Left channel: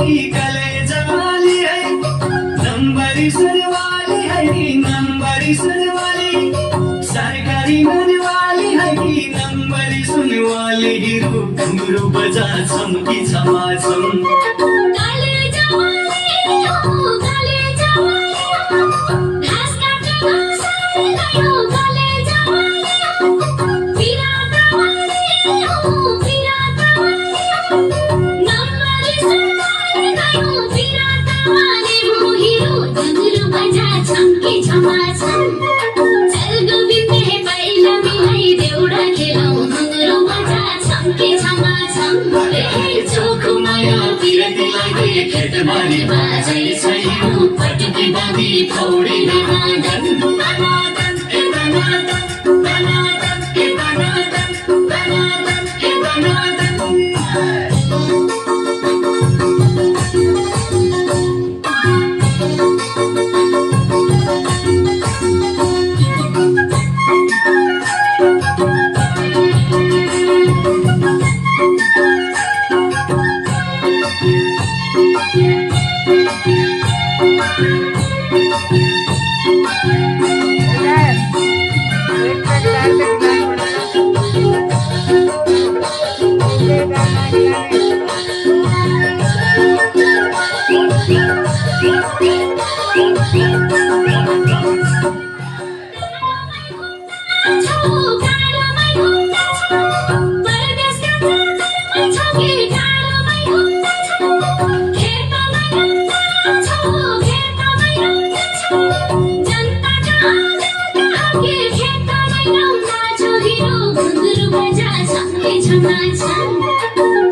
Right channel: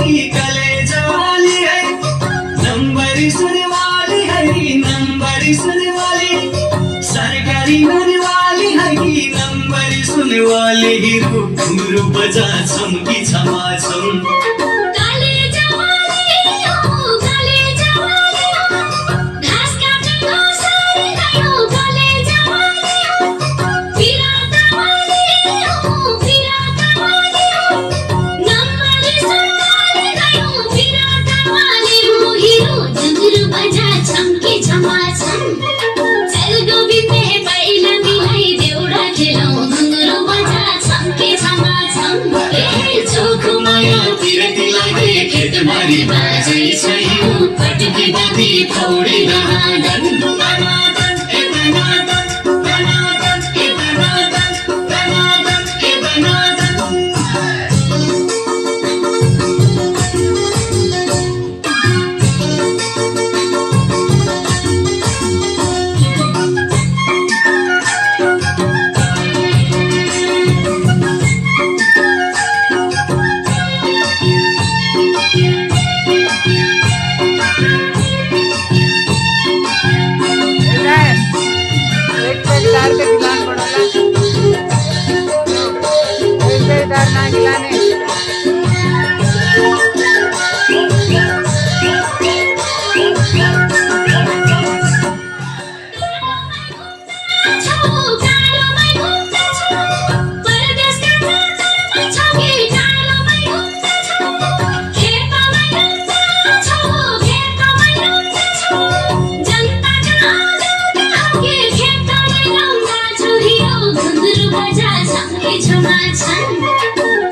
कि कलेजा वाली है, नंबरी सुने वाली है कि नंबरी सुने वाली, सरकारी नौकरी वाली है कि नंबरी सुने वाली, हीरो घुंघरू बजा चमकी छमाछम। खेतबारी बाजै सही पटकी बाँधी पौडी दनादन दनादन ए दनादन दनादन ए दनादन दनादन ए दनादन।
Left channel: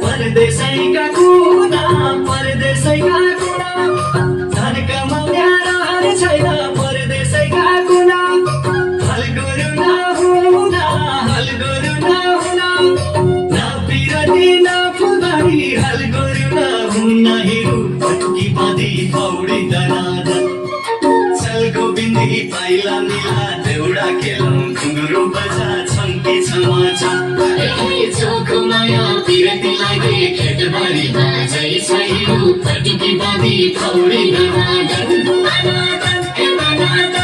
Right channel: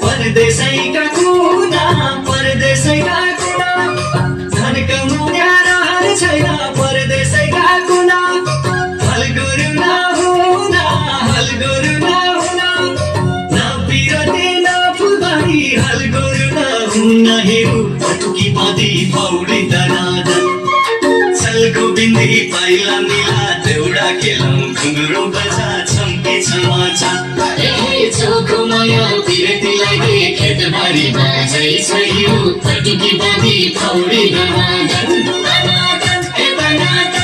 परदेशैका कुना परदेशैका कुना धन कमाउने रहर छैन परदेशैका कुना, हलगुरु नहुना हलगुरु नहुना, न पिरती न फुलबारी हलगुरु नहुना, हेरु पटकी बाँधी पौडी दनादन, चलको बिन्दी पाइला मिला देउडा खेलौँ घुङ्रो बजा छम्के छमाछम। चोखो माया पिरती लागे खेतबारी बाजै सही पटकी बाँधी पौडी दनादन दनादन ए दनादन।